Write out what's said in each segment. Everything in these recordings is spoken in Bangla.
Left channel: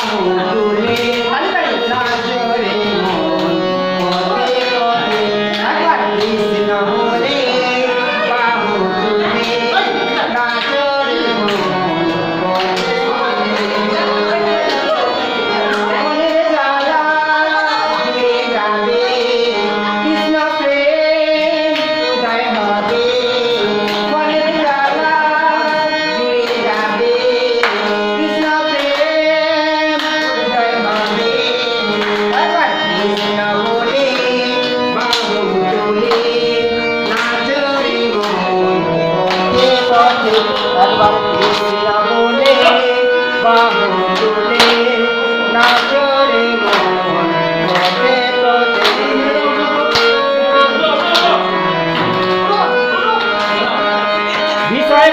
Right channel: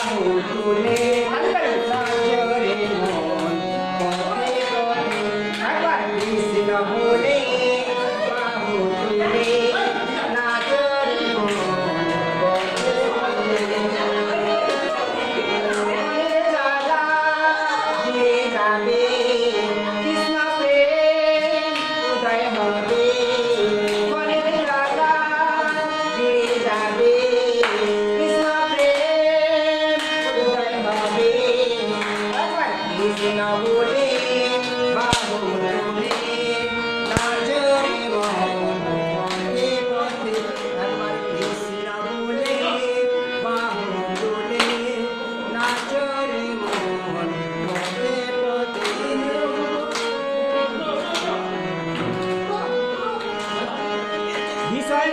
Oh, জয়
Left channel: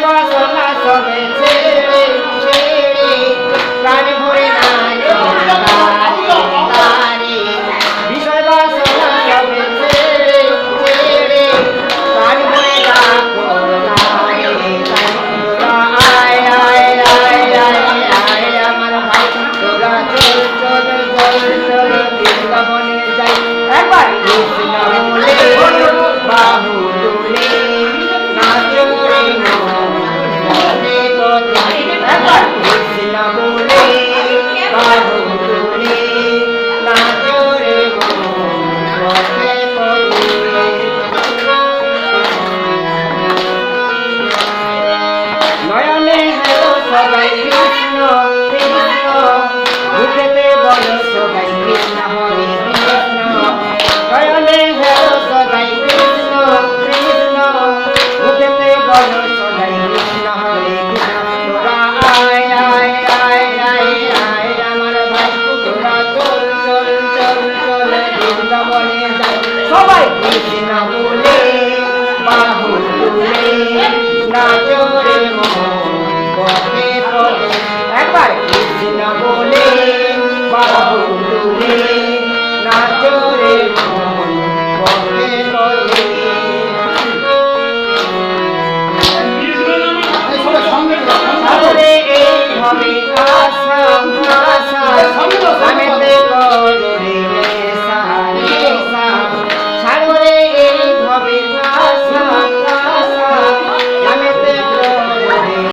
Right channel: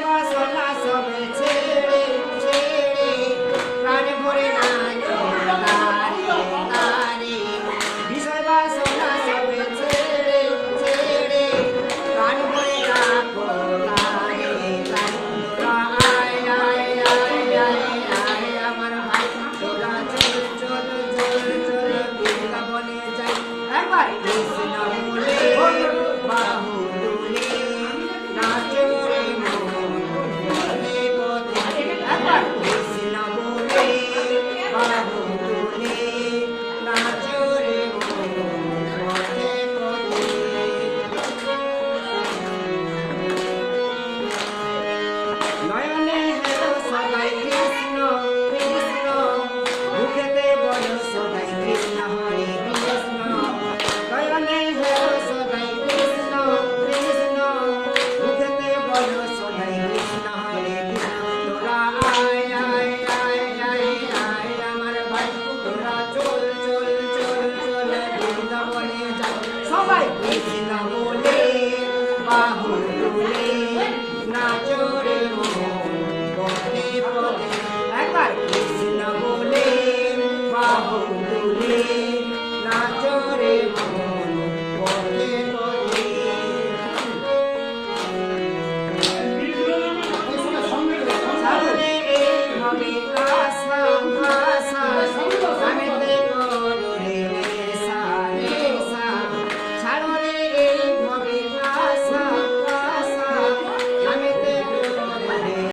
সবাই কৃষ্ণ বলে বাহু বলে নাচে